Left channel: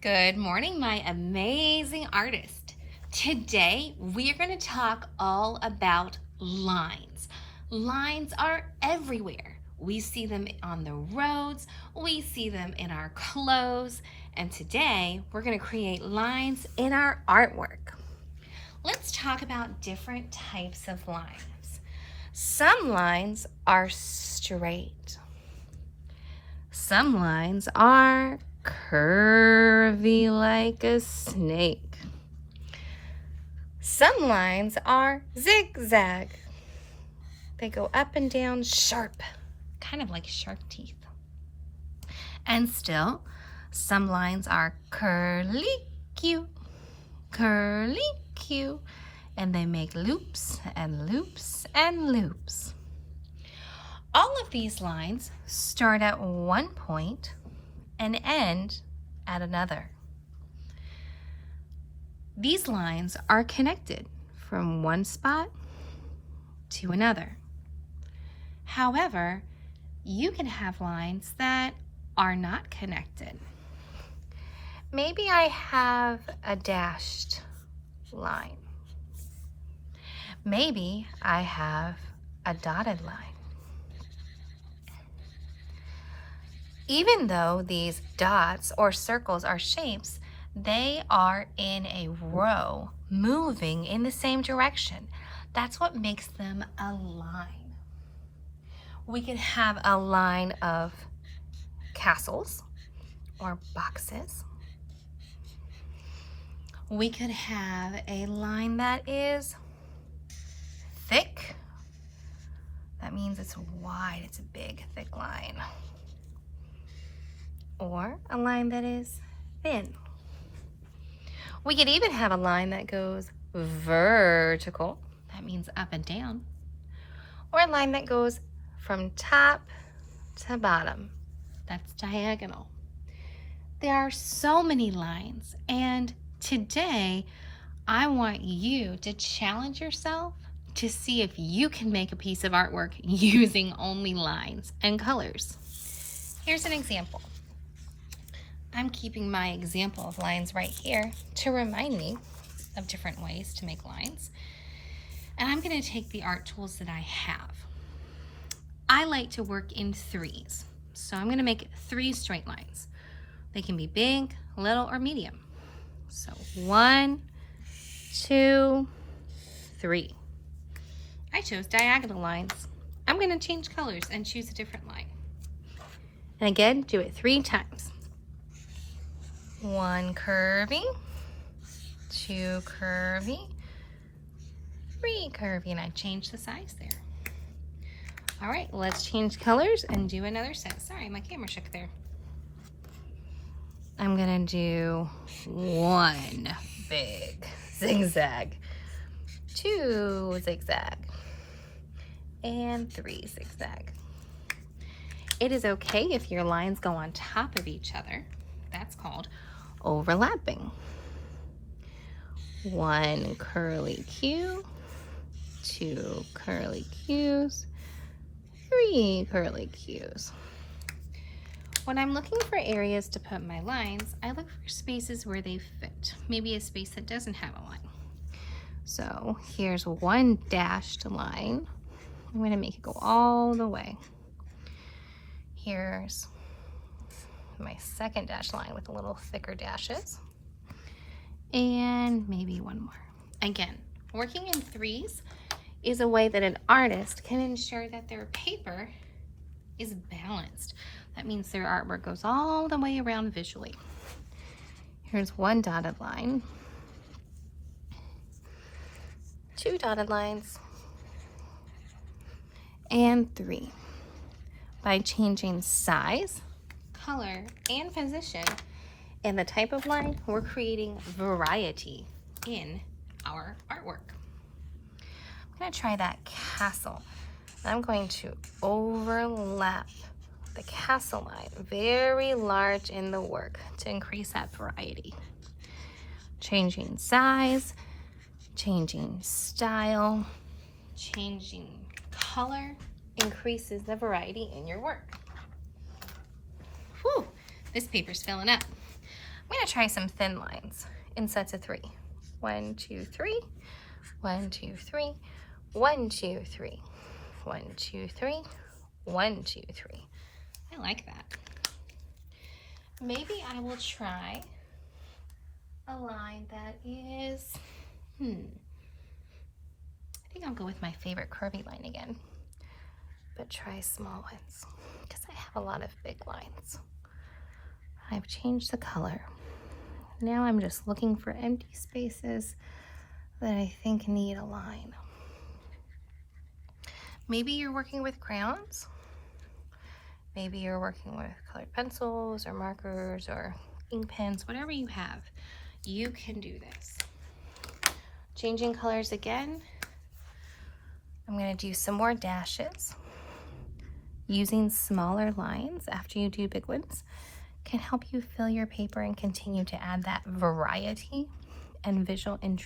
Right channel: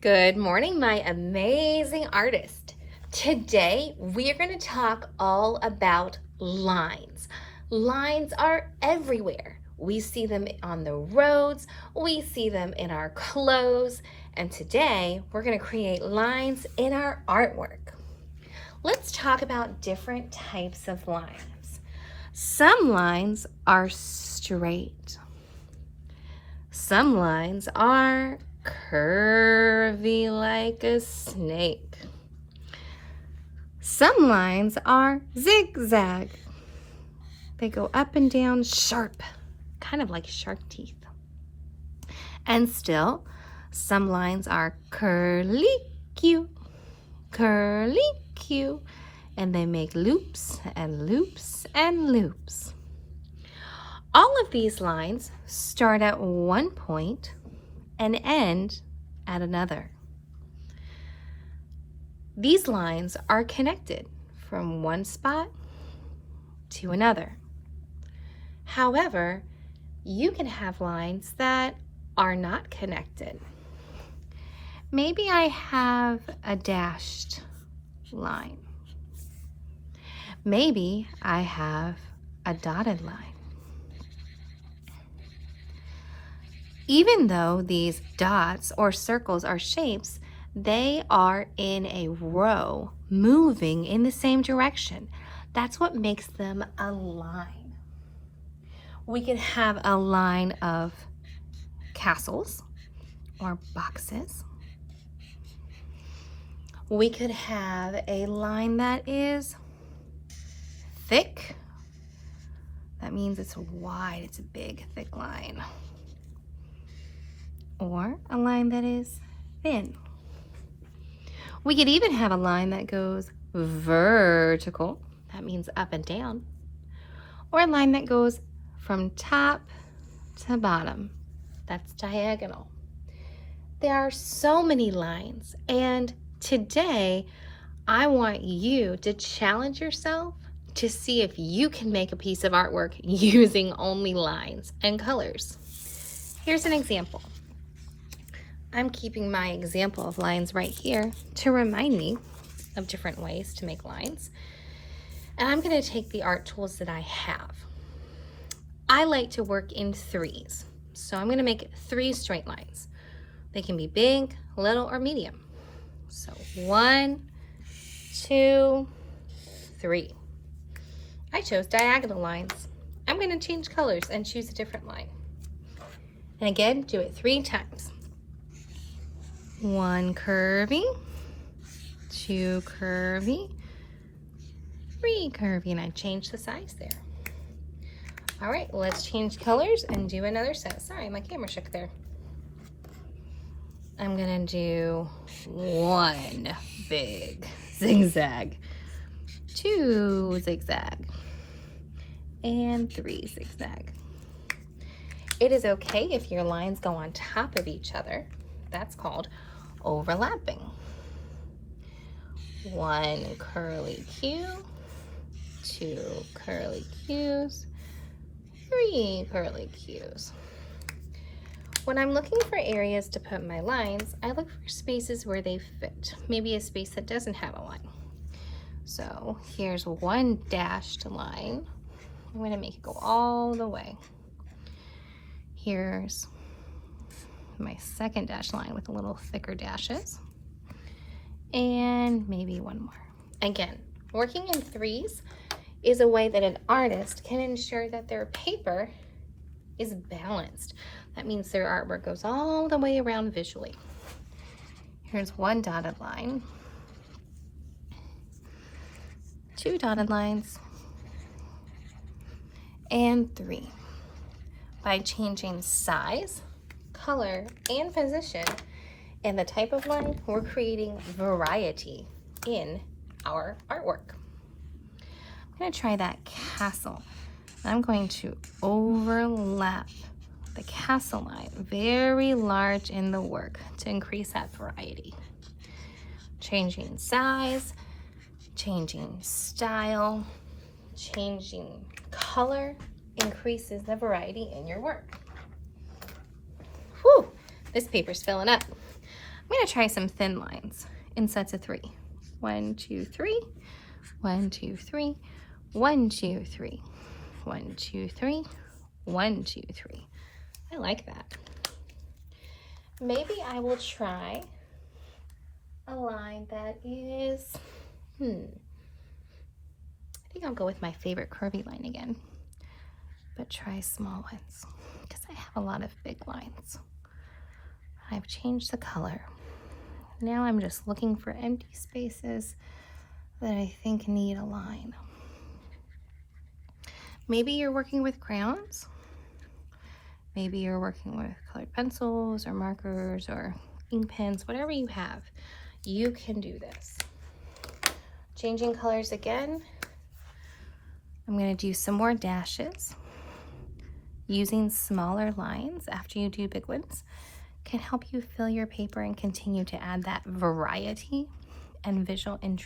Good morning, my amazing artist. Today, we are going to talk all about lines. Lines are everywhere. We see them on the roads, we see them in our clothes, and today we're going to create lines in our artwork. Let's talk about different types of lines. Some lines are straight. Some lines are curvy like a snake. Some lines are zigzag. They go up and down sharp, kind of like shark teeth. And still, some lines are curly-Q, curly-Q, and they make loops and loops and loops. All of these lines start at one point and end at another. These lines are connected from one spot to another. However, you can have lines that are not connected. Maybe I have a dashed line. Maybe I have a dotted line. Even though these dots or circles are shapes, they are in a row, moving in the same direction. That's what makes them a line. We could have a line of castles or boxes. We could have a line that is thick. That means it's wide, it's a big, thick line. Or a line that is thin. We could even have a line that goes vertical. That means up and down. Or a line that goes from top to bottom. That's diagonal. There are so many lines, and today I want you to challenge yourself to see if you can make a piece of artwork using only lines and colors. Here's an example. I'm keeping my example of lines right here to remind me of different ways to make lines. And I'm going to take the art tools that I have. I like to work in threes. So I'm going to make 3 straight lines. They can be big, little, or medium. So 1, 2, 3. I chose diagonal lines. I'm going to change colors and choose a different line. And again, do it 3 times. 1 curvy, 2 curvy, 3 curvy, and I changed the size there. All right, let's change colors and do another set. Sorry, my camera shook there. I'm gonna do 1 big zigzag, 2 zigzag, and 3 zigzag. It is okay if your lines go on top of each other. That's called overlapping. 1 curly Q, 2 curly Qs, 3 curly Qs. When I'm looking for areas to put my lines, I look for spaces where they fit. Maybe a space that doesn't have a line. So here's 1 dashed line. I'm going to make it go all the way. Here's my second dash line with a little thicker dashes, and maybe 1 more. Again, working in threes is a way that an artist can ensure that their paper is balanced. That means their artwork goes all the way around visually. Here's 1 dotted line, 2 dotted lines, and 3. By changing size, color, and position, and the type of line, we're creating variety in our artwork. I'm going to try that castle. I'm going to overlap the castle line very large in the work to increase that variety. Changing size, changing style, changing color increases the variety in your work. Whew, this paper's filling up. I'm going to try some thin lines in sets of 3. 1, 2, 3. 1, 2, 3. 1, 2, 3. 1, 2, 3. 1, 2, 3. I like that. Maybe I will try a line that is, I think I'll go with my favorite curvy line again, but try small ones because I have a lot of big lines. I've changed the color. Now I'm just looking for empty spaces that I think need a line. Maybe you're working with crayons. Maybe you're working with colored pencils or markers or ink pens, whatever you have, you can do this. Changing colors again. I'm going to do some more dashes. Using smaller lines after you do big ones can help you fill your paper and continue to add that variety and visual interest.